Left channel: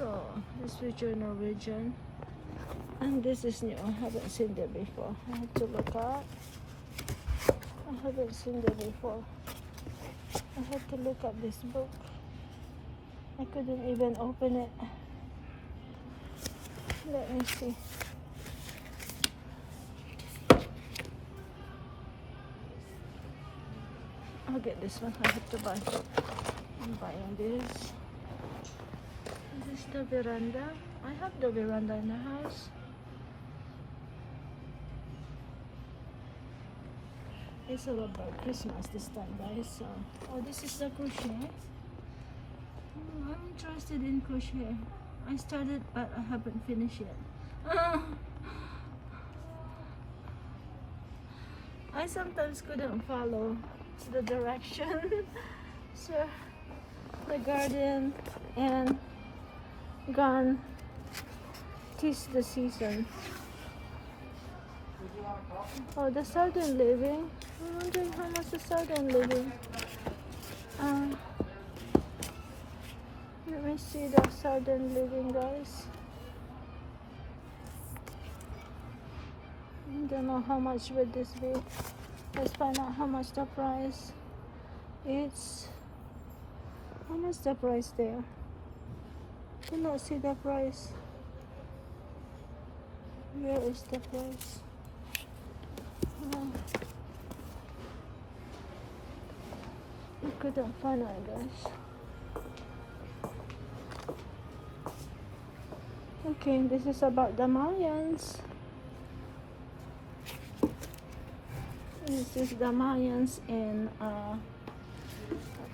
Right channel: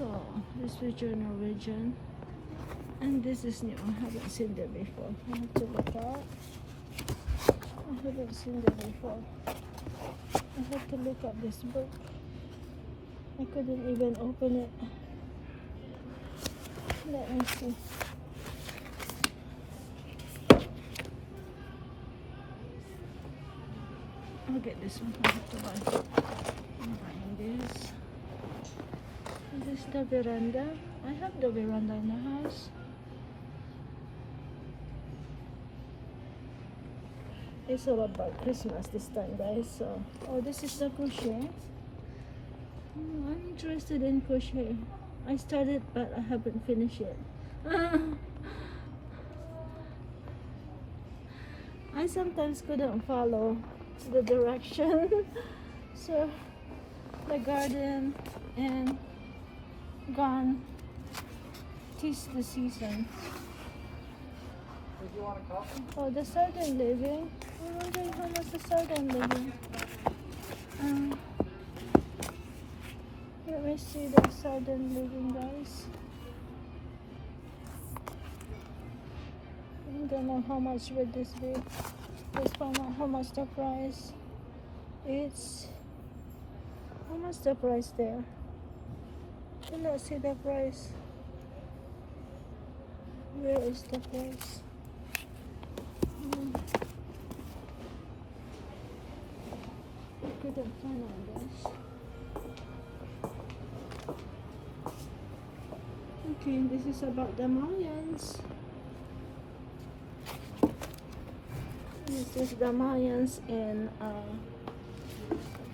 So this is your Norwegian, and this is new. I haven't seen that before. I have to look up. I haven't seen that before. I have to look up this book. I couldn't even open it. Let me see. I'll get this one. I have to buy. I'm buying this. This is the veranda. I have the veranda in the house. It's all about Christmas this time, guys. So, oh, this is the crochet. I'm interested in crochet. I started, but I haven't finished it. I sometimes couldn't follow the direction. So the garden and gone. Tis the season. Oh, the southern living. I'm wondering how much the southern living. Let me see the southern living, guys. I don't know how much would this be. Let's find out how much the price is. What is the price there? I do not see the price. Where is the price? I couldn't find it, guys. Okay, this is about the Mayans. This is the Mayans in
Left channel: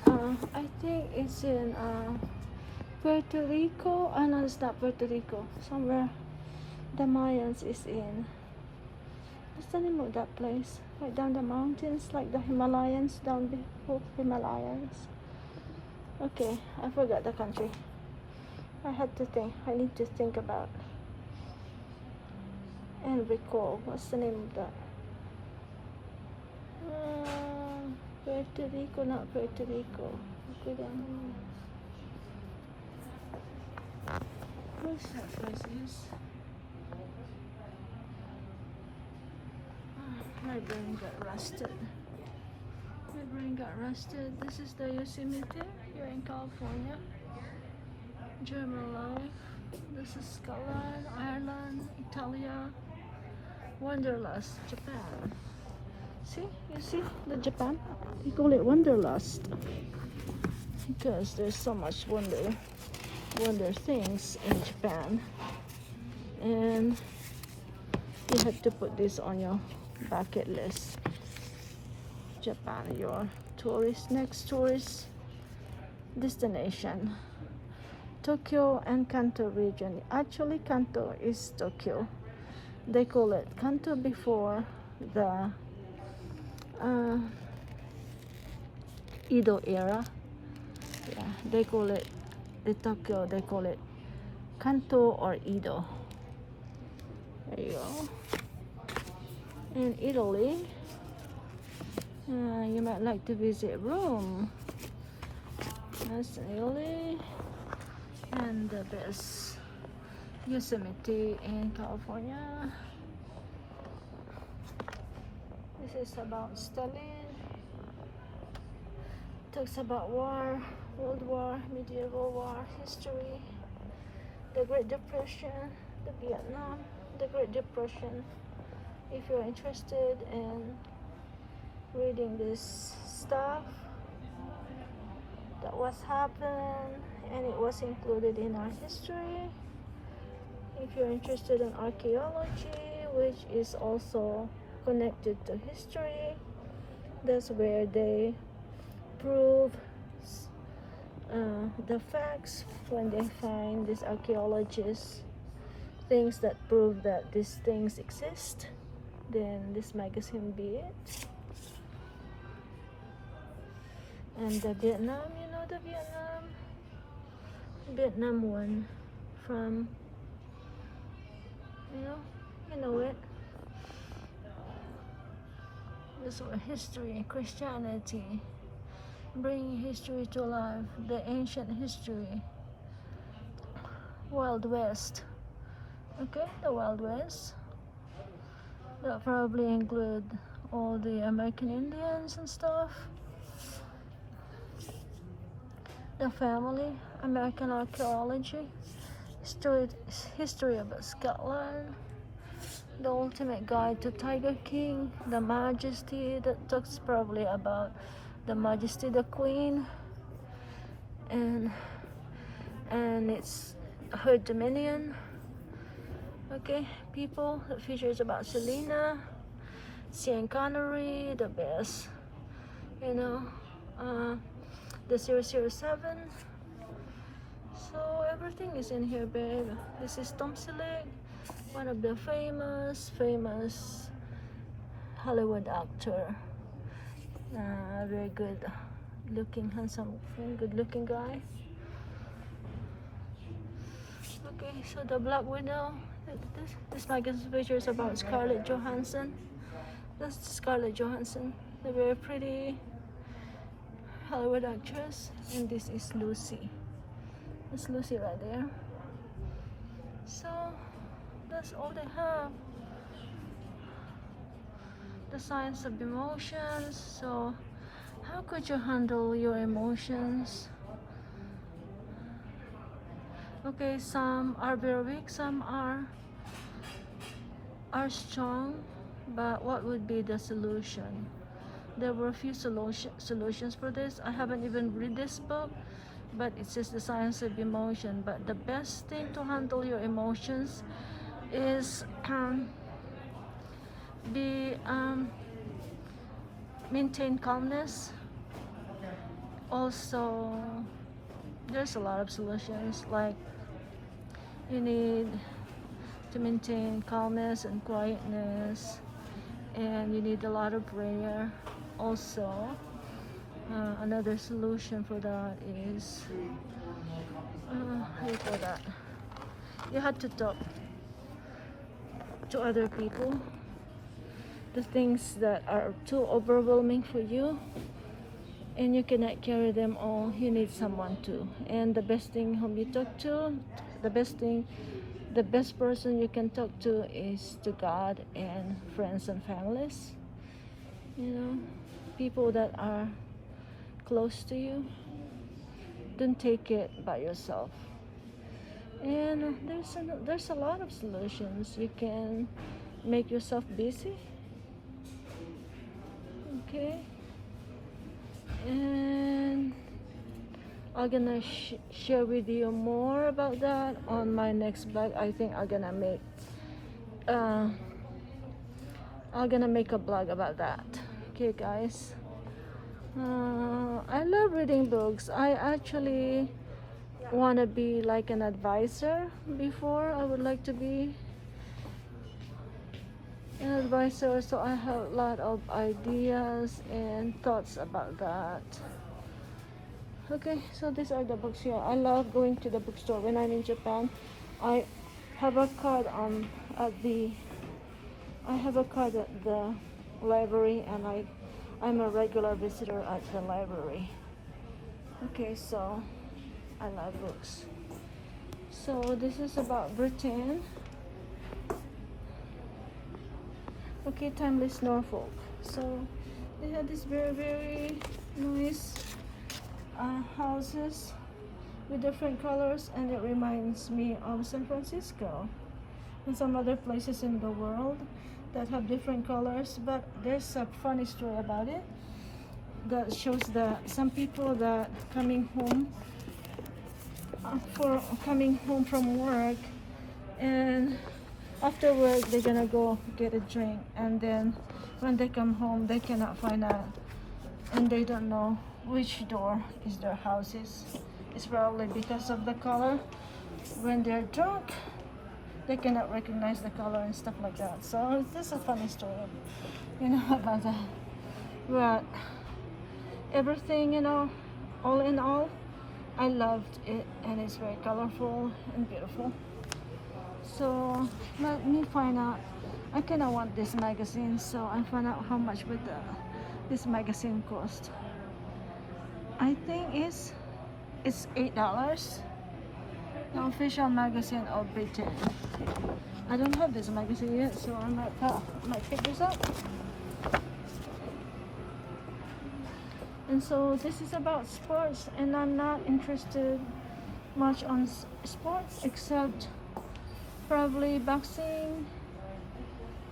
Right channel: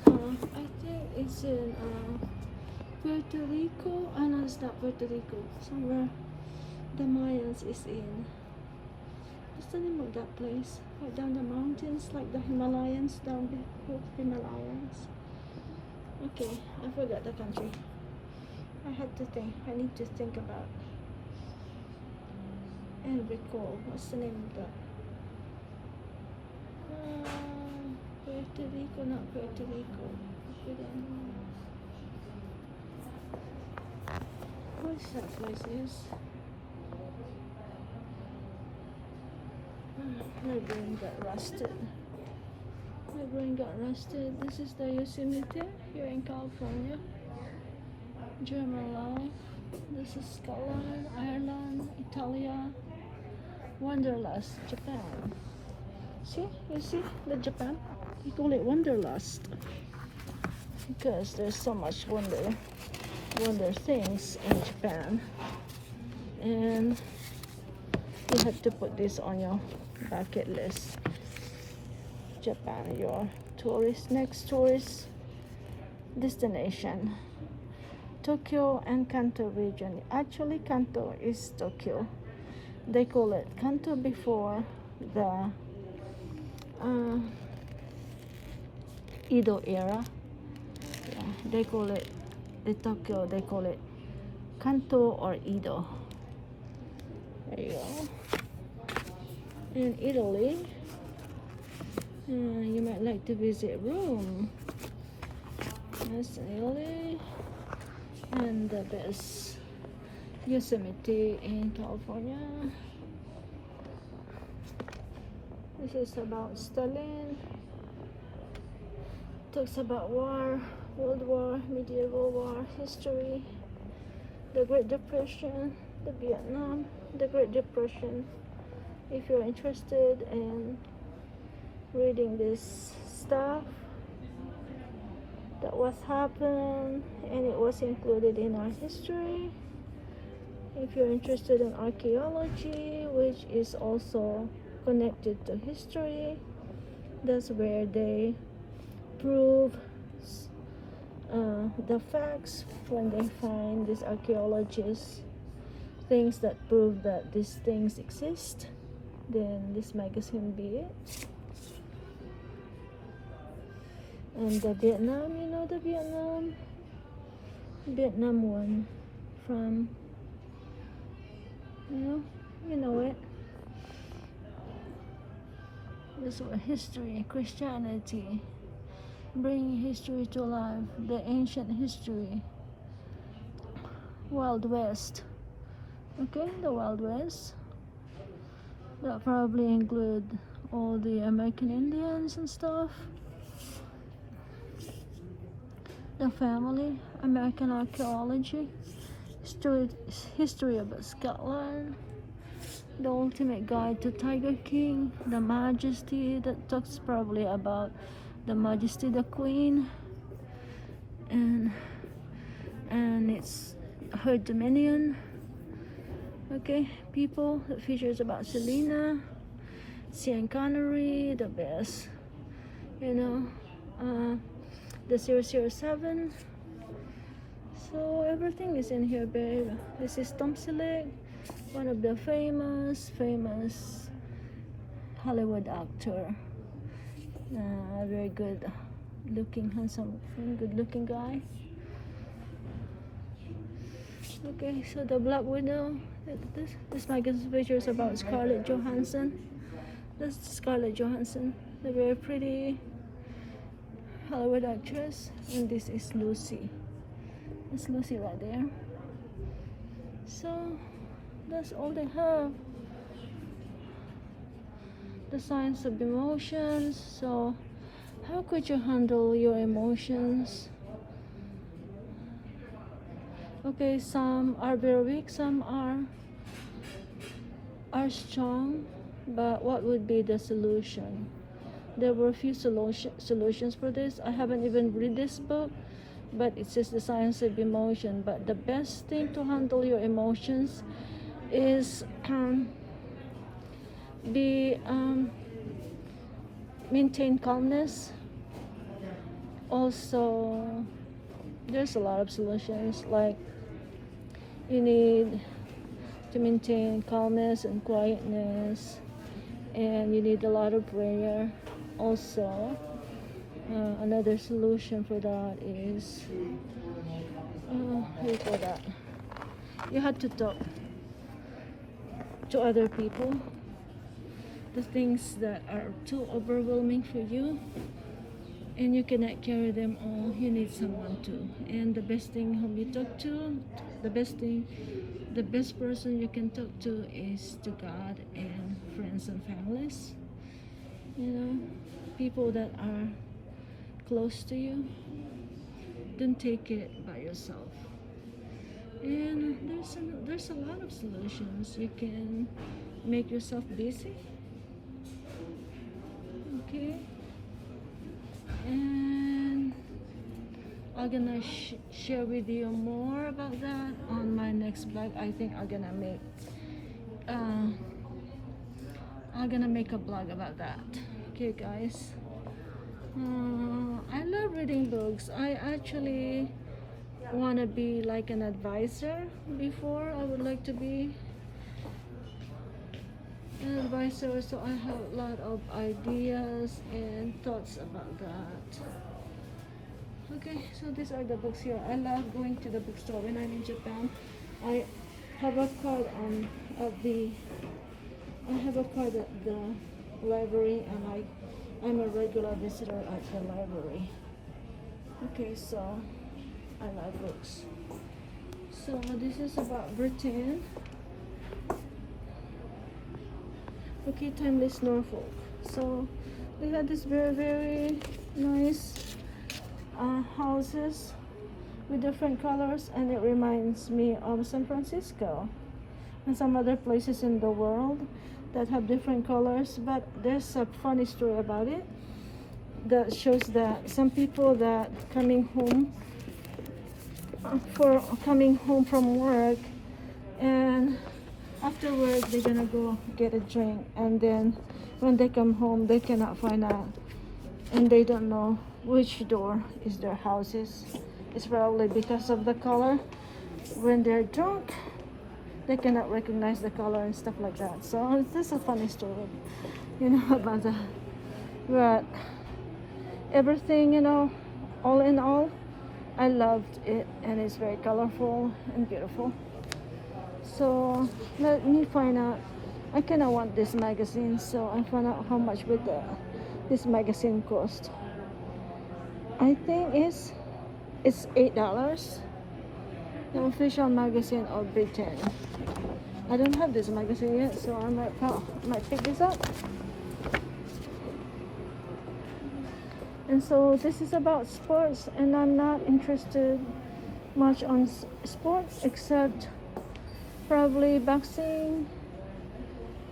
I think it's in Puerto Rico. Oh no, it's not Puerto Rico. Somewhere the Mayans is in. What's the name of that place? Right down the mountains, like the Himalayas, down the Himalayas. Okay, I forgot the country. I had to think. I need to think about and recall. What's the name of that? Puerto Rico, not Puerto Rico. What's that place is? My brain got rusted. This is the Yosemite here in California. German. This is Scotland, Ireland, Italia, Wanderlust, Japan. See, you see the Japan? They call it Wanderlust because there's so much wonder things in Japan, and you have to put this on your bucket list. Japan, your next tourist destination. Tokyo and Kanto region. Actually, Kanto is Tokyo. They call it Kanto before the Edo era. Yeah, they call it the Tokyo. They call it Kanto or Edo. There you go. In Italy, you might like to visit Rome. That's Italy. And the best Yosemite in California. This is about Stalin. Talks about war, World War, medieval war, history, the Great Depression, the Vietnam, the Great Depression. If you're interested in reading this stuff that was happened and it was included in our history. If you're interested in archaeology, which is also connected to history, that's where they prove the facts when they find these archaeologists things that prove that these things exist, then this magazine be it. And the Vietnam, you know the Vietnam one from, you know it. This one, history, Christianity, bringing history to life, the ancient history. Wild West. Okay, the Wild West. That probably include all the American Indians and stuff. The Family, American Archaeology, History of Scotland, The Ultimate Guide to Tiger King, The Majesty, that talks probably about the Majesty the Queen, and it's her dominion. Okay, People, that features about Selena, Sean Connery, the best, you know, the 007. So everything is in here, babe. This is Tom Selleck, one of the famous Hollywood actor. Very good looking, handsome, good looking guy. Okay, so the Black Widow. This magazine features about Scarlett Johansson. That's Scarlett Johansson, the very pretty Hollywood actress. And this is Lucy. It's Lucy right there. So that's all they have. The Science of Emotions. So how could you handle your emotions? Okay, some are very weak, some are strong, but what would be the solution? There were a few solutions for this. I haven't even read this book, but it says the science of emotion. But the best thing to handle your emotions is maintain calmness. Also, there's a lot of solutions, like you need to maintain calmness and quietness, and you need a lot of prayer. Also, another solution for that is how you call that? You have to talk to other people. The things that are too overwhelming for you and you cannot carry them all, you need someone to. And the best thing whom you talk to, the best person you can talk to is to God and friends and families. You know, people that are close to you. Don't take it by yourself. And there's a lot of solutions. You can make yourself busy. Okay, and I'm gonna share with you more about that on my next blog. I think I'm gonna make a blog about that. Okay, guys. I love reading books. I actually want to be like an advisor. Before, I would like to be an advisor, so I have a lot of ideas and thoughts about that. Okay, so these are the books here. I love going to the bookstore when I'm in Japan. I have a card at the library, and I'm a regular visitor at the library. Okay, so I love books. So this is about Britain. Okay, Timeless Norfolk. So they had this very nice houses with different colors, and it reminds me of San Francisco and some other places in the world that have different colors. But there's a funny story about it that shows that some people that coming home from work, and after work they're gonna go get a drink, and then when they come home they cannot find out, and they don't know which door is their houses. It's probably because of the color. When they're drunk, they cannot recognize the color and stuff like that. So this is a funny story, about that. But everything, all in all, I loved it, and it's very colorful and beautiful. So let me find out. I kind of want this magazine, so I find out how much would this magazine cost. I think it's $8. The official magazine of Britain. I don't have this magazine yet, so I might pick this up. And so this is about sports, and I'm not interested much on sports except probably boxing,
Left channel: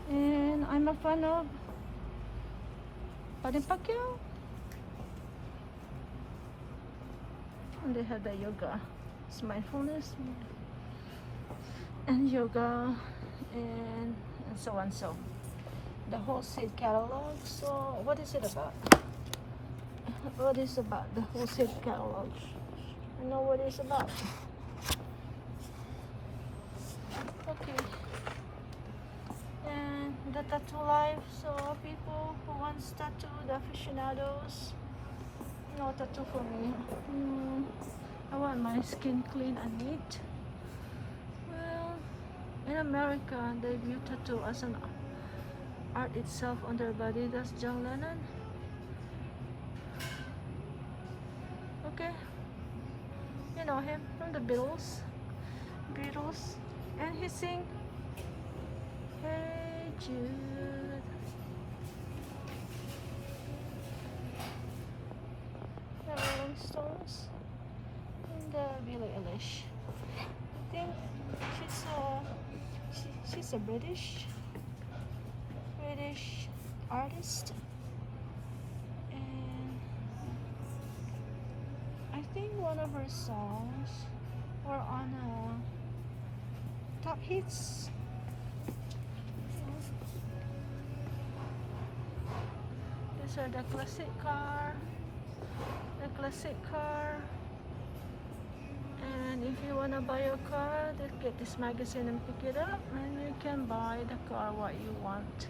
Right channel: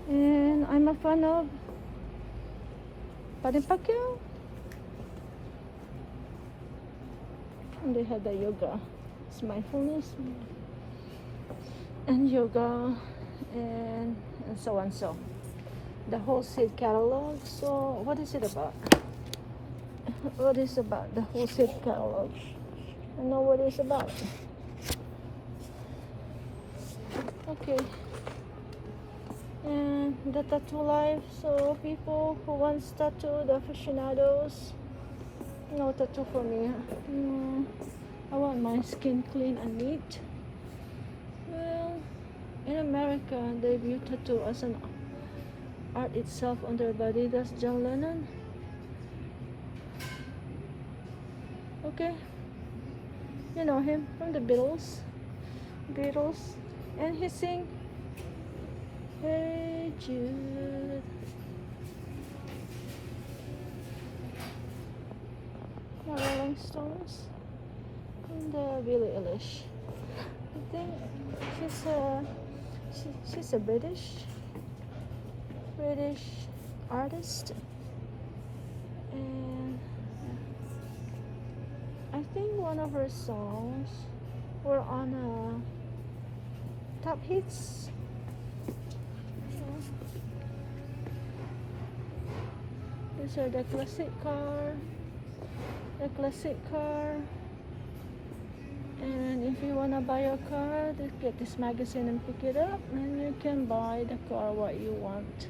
and I'm a fan of Pacquiao. And they had the yoga, it's mindfulness, and yoga, and so and so. The whole seed catalog. So what is it about? What is about the whole seed catalog? I know what it's about. Okay. And the tattoo life. So people who wants tattoo, the aficionados. No tattoo for me. I want my skin clean and neat. Well, in America, they view tattoo as an art itself on their body. That's John Lennon. Okay, you know him from the Beatles, and he sing Hey Jude. The Rolling Stones and Billie Eilish. I think she's a British artist, and I think one of her songs were on top hits. These are the classic car. And if you wanna buy a car, just get this magazine and pick it up, and you can buy the car what you want.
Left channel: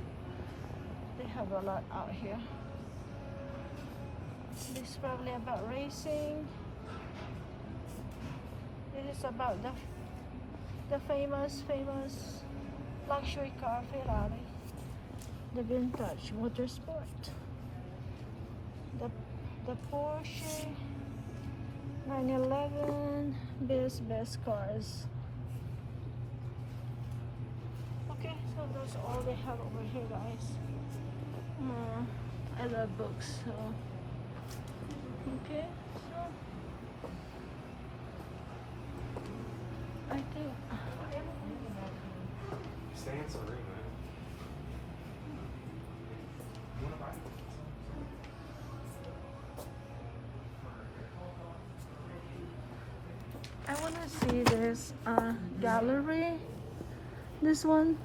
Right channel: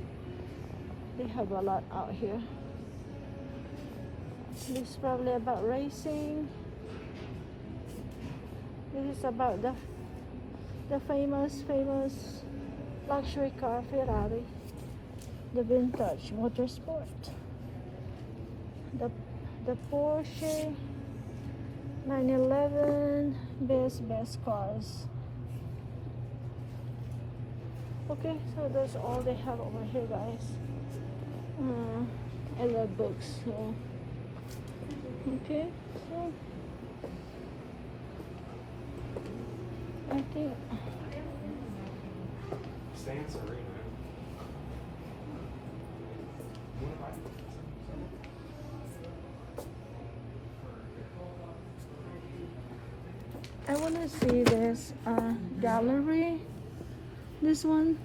They have a lot out here. This is probably about racing. This is about the famous luxury car Ferrari, the vintage motorsport, the Porsche 911, best cars. Okay, so that's all they have over here, guys. I love books, so okay, so I think Stay in Serena. You wanna buy it? I want to see this gallery, this one.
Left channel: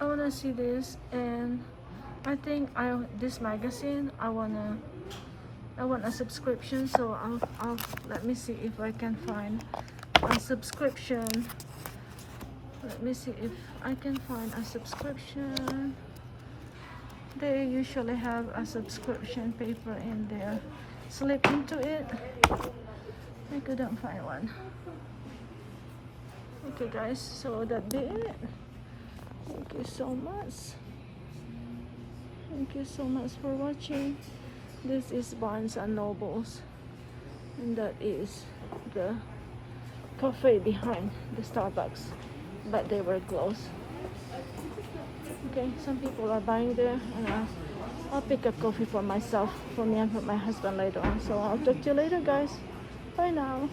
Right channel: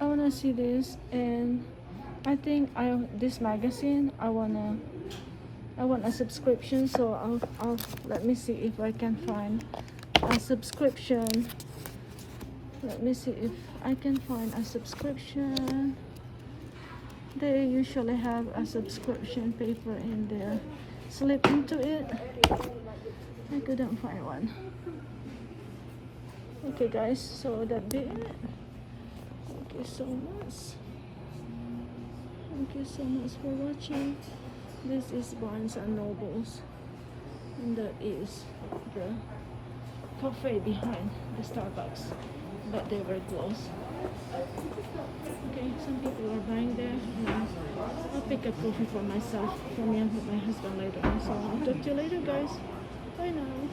I want to see this, and I think this magazine I want a subscription, so I'll let me see if I can find a subscription. Let me see if I can find a subscription. They usually have a subscription paper in there. Slip into it. I couldn't find one. Okay guys, so that be it. Thank you so much. Thank you so much for watching. This is Barnes and Nobles, and that is the cafe behind the Starbucks, but they were closed. Okay, some people are buying there, and I'll pick a coffee for myself, for me and for my husband later on. So I'll talk to you later, guys. Bye now.